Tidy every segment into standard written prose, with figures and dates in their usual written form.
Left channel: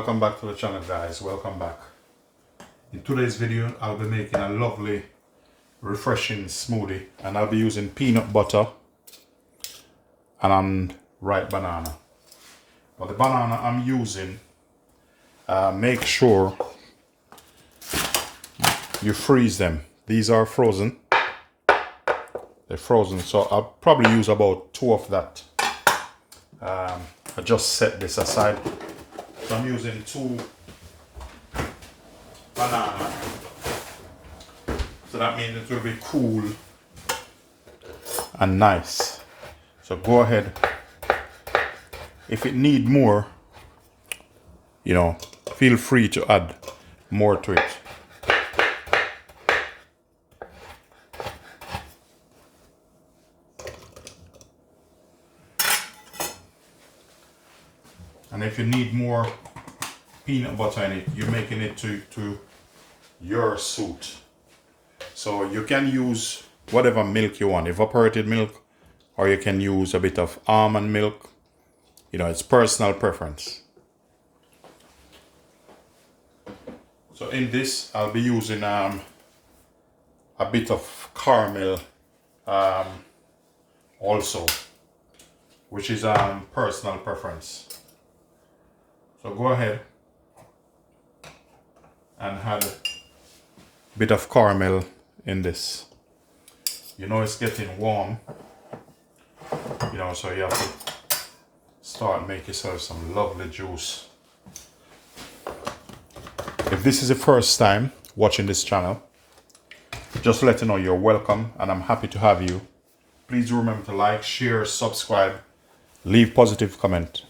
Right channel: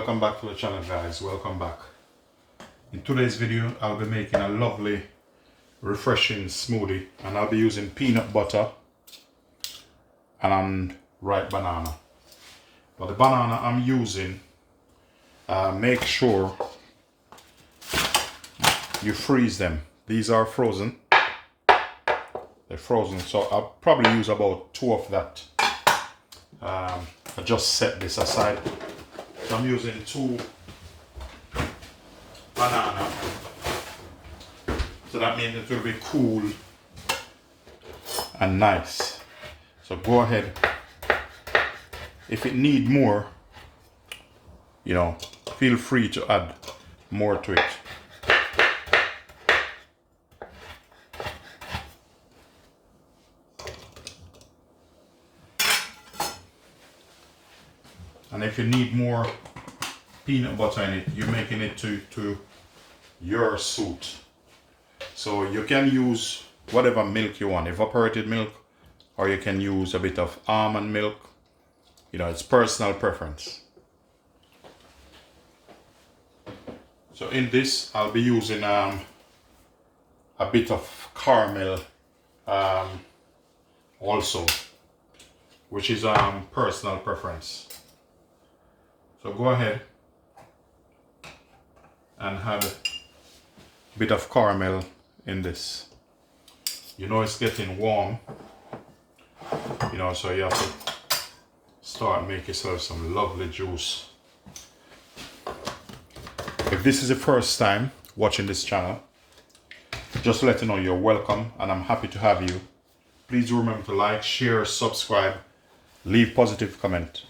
Welcome back to the channel, guys. Welcome back. In today's video I'll be making a lovely refreshing smoothie, and I'll be using peanut butter and ripe banana. But the banana I'm using, make sure you freeze them. These are frozen. They're frozen, so I'll probably use about 2 of that. I just set this aside. So I'm using 2 banana. So that means it will be cool and nice. So go ahead. If it need more, feel free to add more to it. And if you need more peanut butter in it, you're making it to your suit. So you can use whatever milk you want, evaporated milk, or you can use a bit of almond milk. It's personal preference. So in this, I'll be using a bit of caramel also, which is personal preference. So go ahead and add a bit of caramel in this. It's getting warm, so you have to start make yourself some lovely juice. If this is the first time watching this channel, just let you know you're welcome and I'm happy to have you. Please remember to like, share, subscribe, leave positive comment.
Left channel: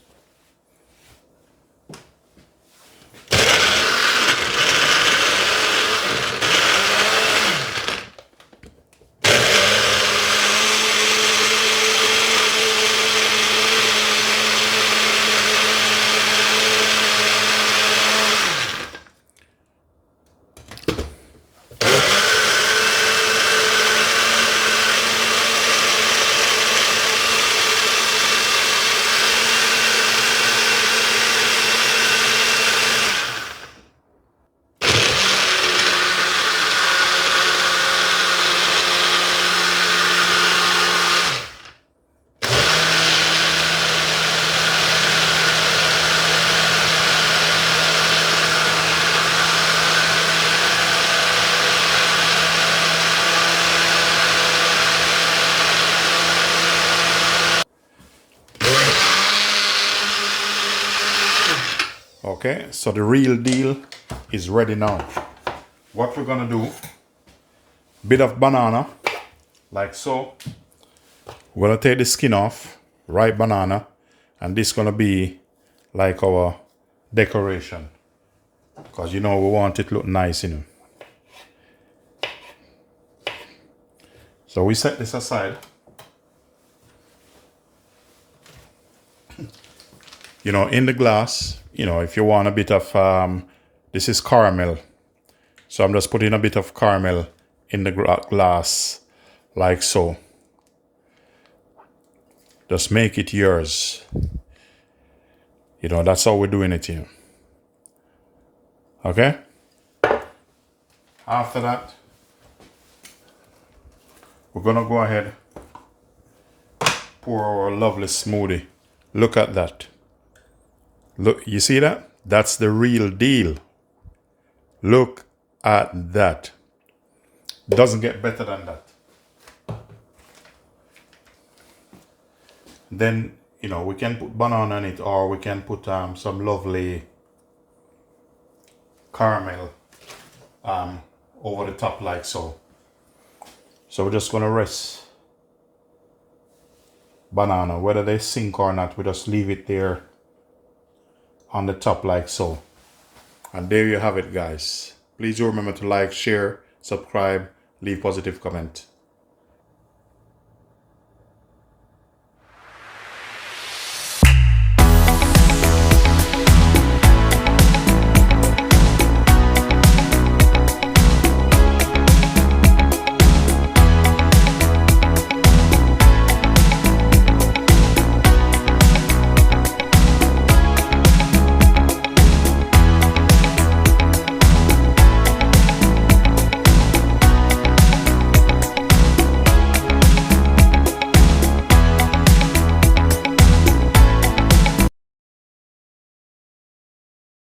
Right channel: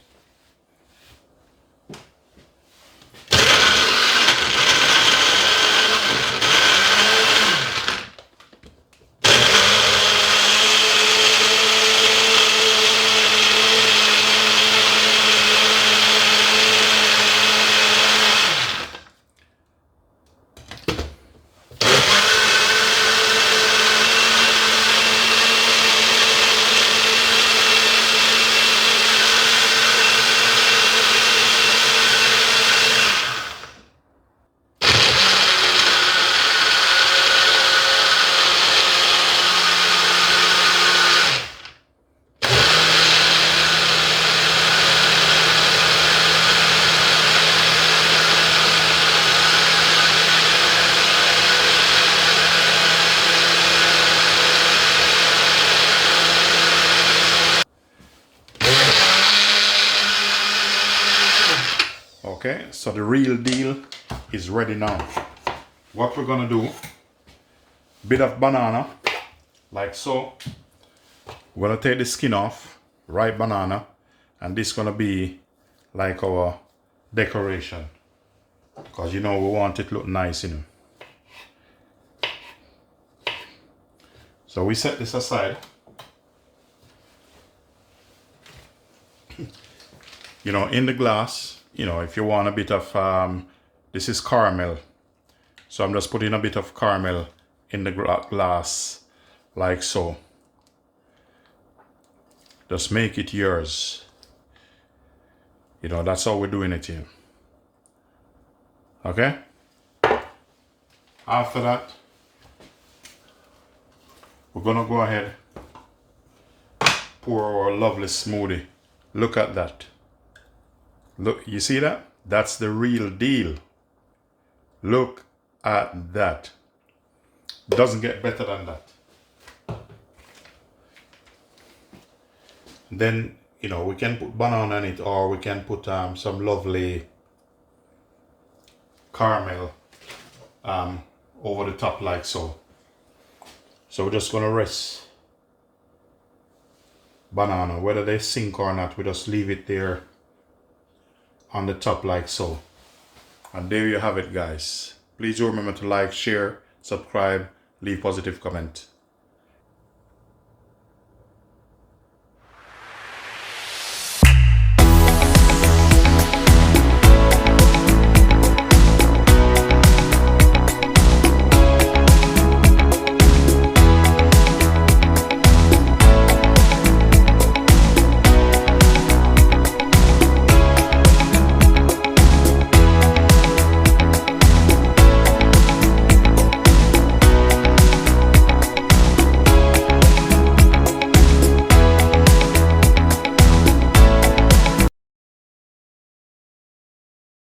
Okay, so the real deal is ready now. What we're gonna do, bit of banana, like so. We're gonna take the skin off, ripe banana, and this gonna be like our decoration. Because we want it to look nice, So we set this aside. In the glass, if you want a bit of, this is caramel. So I'm just putting a bit of caramel in the glass, like so. Just make it yours. That's how we're doing it here. Okay? After that, we're gonna go ahead, pour our lovely smoothie. Look at that. Look, you see that? That's the real deal. Look at that. Doesn't get better than that. Then, we can put banana in it, or we can put some lovely caramel over the top, like so. So we're just gonna rest banana, whether they sink or not, we just leave it there on the top, like so. And there you have it, guys. Please remember to like, share, subscribe, leave positive comment.